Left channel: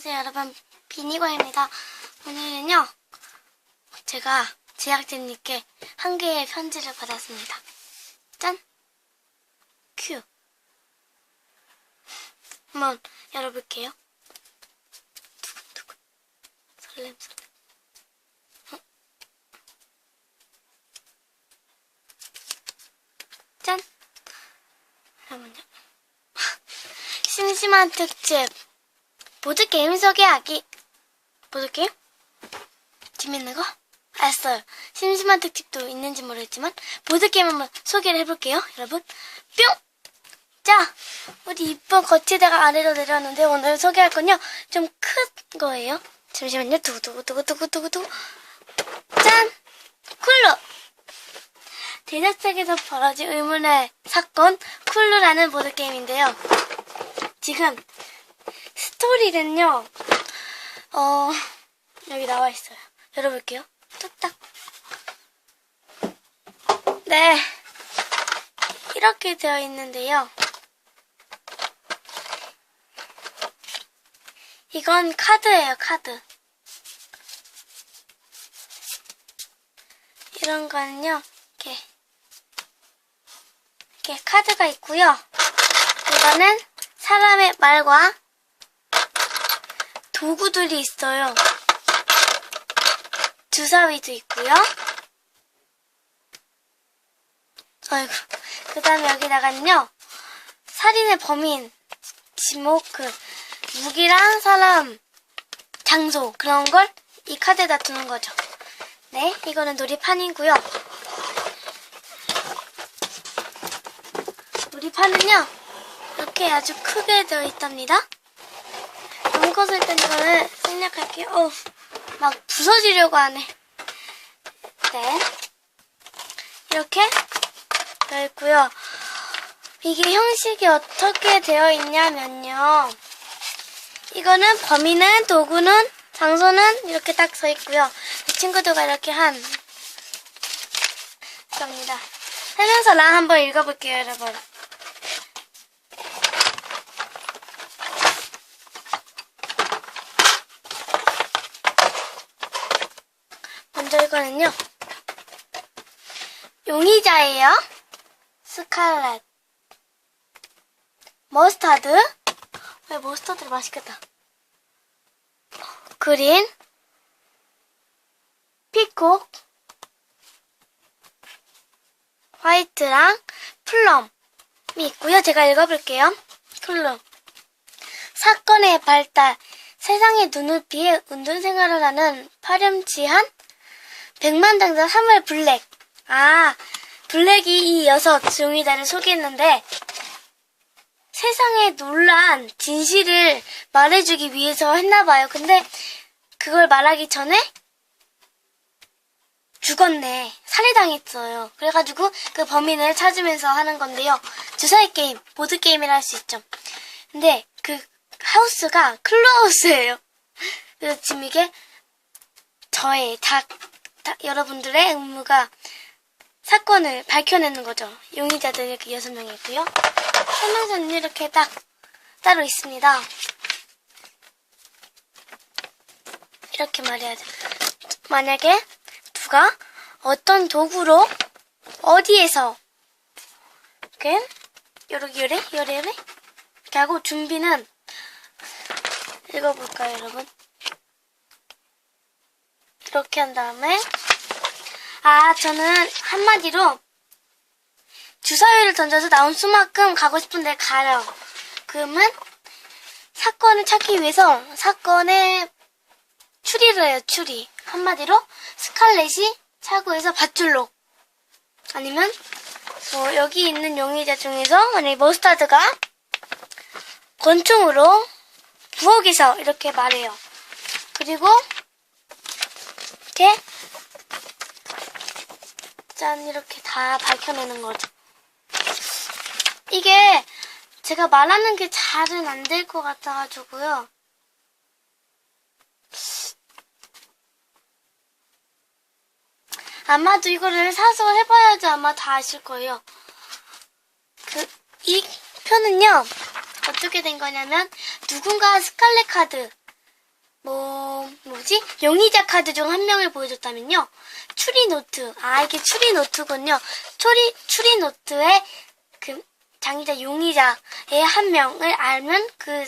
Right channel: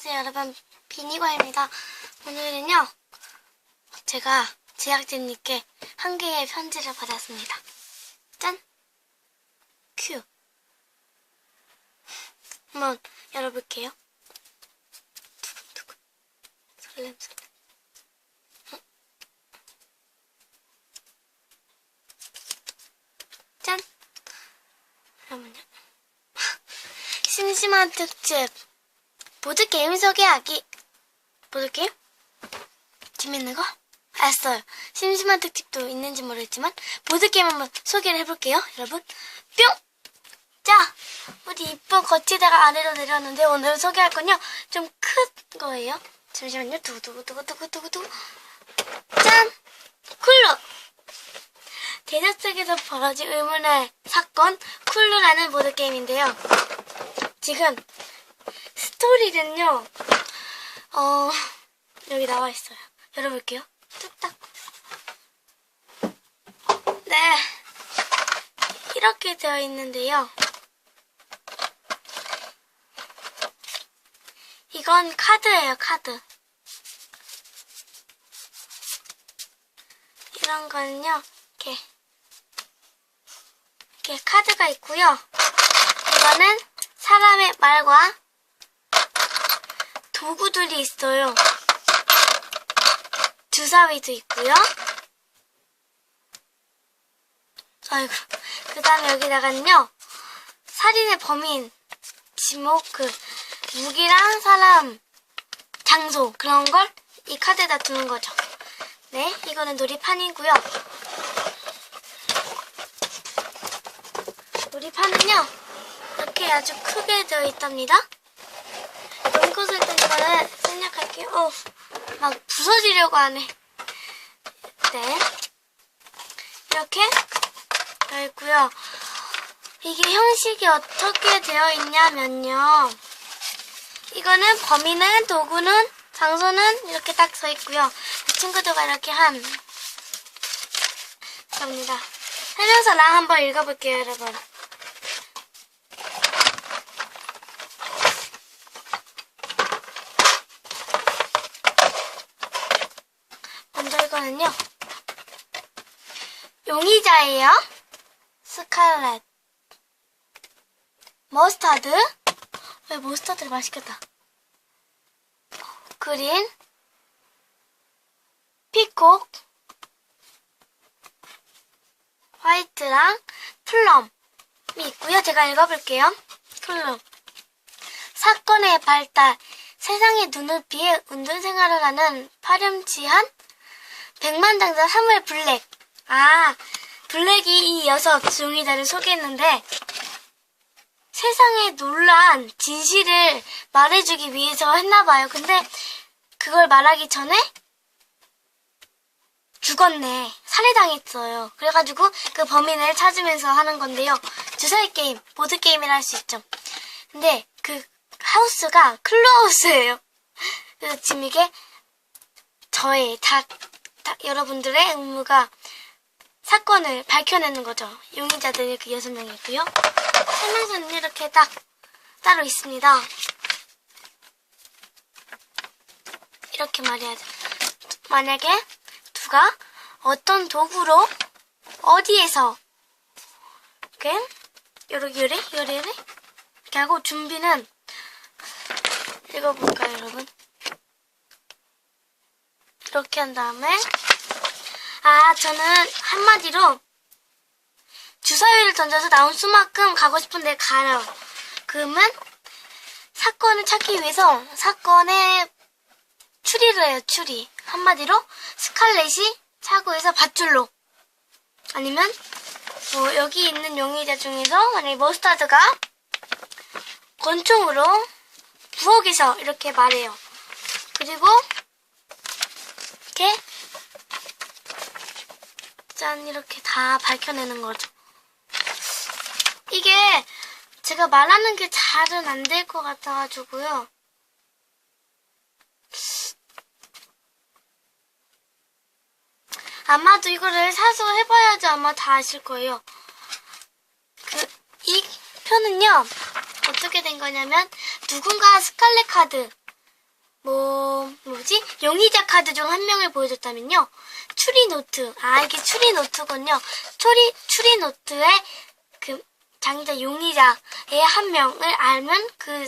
안녕하세요 여러분. 비니과입니다. 오늘은요 제가 제작진님께 한 개의 편지를 받았습니다. 짠! 큐! 한번 열어볼게요. 두근두근 설렘 설렘. 어? 짠! 잠깐만요. 심심한 특집 보드게임 소개하기. 보드게임? 재밌는 거? 알았어요. 심심한 특집도 있는지 모르겠지만, 보드게임 한번 소개를 해볼게요, 여러분. 뿅! 자, 우리 이쁜 거치대가 아래로 내려왔는데, 오늘 소개할 건요, 좀 큰 거예요. 잠시만요. 두구두구두구두구두구두구. 짠! 쿨러! 대저택에서 벌어진 의문의 사건, 쿨루라는 보드게임인데요. 지금 스토리는요, 어, 여기 나와 있어요. 열어볼게요. 뚝딱. 네. 이렇게 되어 있는데요. 이건 카드예요, 카드. 이런 거는요, 이렇게, 이렇게 카드가 있고요. 이거는 사람의 말과 도구들이 있어요. 주사위도 있고요. 아이고. 그 다음에 여기다가는요. 살인의 범인, 지목, 그, 무기랑 사람, 장소, 그런 걸 이 카드에다 두는 거죠. 네, 이거는 놀이판이고요. 놀이판은요. 이렇게 아주 크게 되어 있답니다. 일단 이거를 생략할게요. 어, 막 부서지려고 하네. 네. 이렇게 되어 있고요. 이게 형식이 어떻게 되어 있냐면요. 이거는 범위는 도구는 장소는 이렇게 딱 서 있고요. 이 친구들과 이렇게 한 겁니다. 설명서 랑 한번 읽어볼게요, 여러분. 저 이거는요. 용의자예요. 스칼렛. 머스타드. 왜 머스타드를 맛있겠다. 그린. 피콕. 화이트랑 플럼이 있고요. 제가 읽어볼게요. 플럼. 사건의 발달. 세상의 눈을 피해 운전 생활을 하는 파렴치한 백만장자 사물 블랙. 아, 블랙이 이 여섯 용의자를 소개했는데 세상에 놀란 진실을 말해주기 위해서 했나봐요. 근데 그걸 말하기 전에 죽었네. 살해당했어요. 그래가지고 그 범인을 찾으면서 하는 건데요. 주사위 게임, 보드 게임이라 할 수 있죠. 근데 그 하우스가 클로하우스예요. 그래서 지금 이게 저의 다, 다 여러분들의 의무가 사건을 밝혀내는 거죠. 용의자들 이렇게 여섯 명이 있고요. 설명서는 이렇게 딱 따로 있습니다. 이렇게 말해야 돼. 만약에 누가 어떤 도구로 어디에서 이렇게 요렇게 요래 요래 요래 이렇게 하고 준비는 읽어볼까요, 여러분? 이렇게 한 다음에 아 저는 한마디로 주사위를 던져서 나온 수만큼 가고 싶은데 가요. 그러면 사건을 찾기 위해서 사건의 추리를 해요, 추리. 한마디로 스칼렛이 차고에서 밧줄로 아니면 뭐 여기 있는 용의자 중에서 만약에 머스타드가 권총으로 부엌에서 이렇게 말해요. 그리고 이렇게 짠 이렇게 다 밝혀내는 거죠. 이게 제가 말하는 게 잘은 안 될 것 같아가지고요. 아마도 이거를 사서 해봐야지 아마 다 아실 거예요. 그, 이 편은요, 어떻게 된 거냐면, 누군가 스칼렛 카드, 뭐, 뭐지? 용의자 카드 중 한 명을 보여줬다면요. 추리노트. 아, 이게 추리노트군요. 추리, 추리노트에 그 장자 용의자의 한 명을 알면 그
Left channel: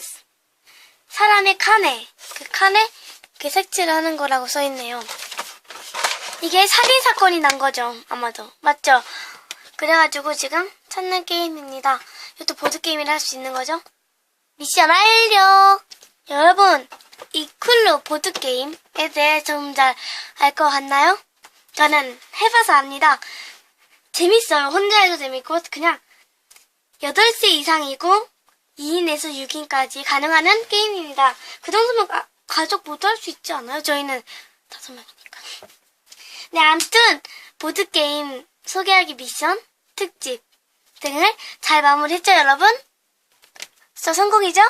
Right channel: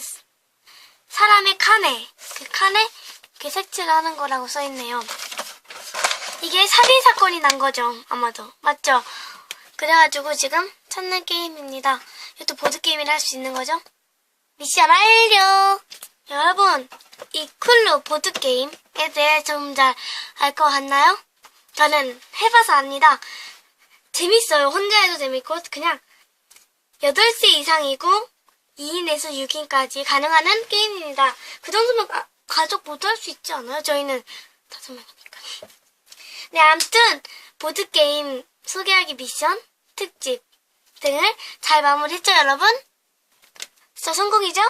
사람의 칸에, 그 칸에 이렇게 색칠을 하는 거라고 써있네요. 이게 살인 사건이 난 거죠. 아마도. 맞죠? 그래가지고 지금 찾는 게임입니다. 이것도 보드게임이라 할 수 있는 거죠? 미션 완료! 여러분, 이 쿨루 보드게임에 대해 좀 잘 알 것 같나요? 저는 해봐서 압니다. 재밌어요. 혼자 해도 재밌고, 그냥 8세 이상이고 2인에서 6인까지 가능한 게임입니다. 그 정도면 가, 가족 모두 할 수 있지 않아요? 저희는 다섯 명이니까. 네, 아무튼 보드게임 소개하기 미션, 특집 등을 잘 마무리했죠, 여러분? 저 성공이죠?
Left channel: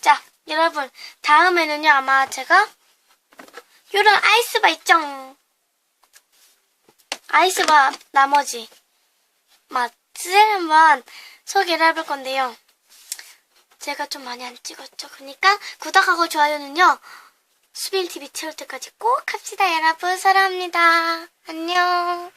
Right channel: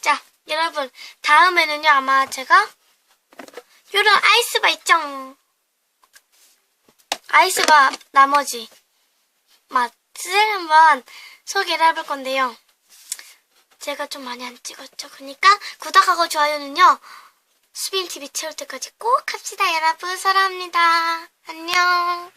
자, 여러분, 다음에는요, 아마 제가 요런 아이스바 있죠? 아이스바 나머지 맛을 한번 소개를 해볼 건데요. 제가 좀 많이 안 찍었죠. 그러니까 구독하고 좋아요는요. 수빈TV 채울 때까지 꼭 합시다, 여러분. 사랑합니다. 안녕.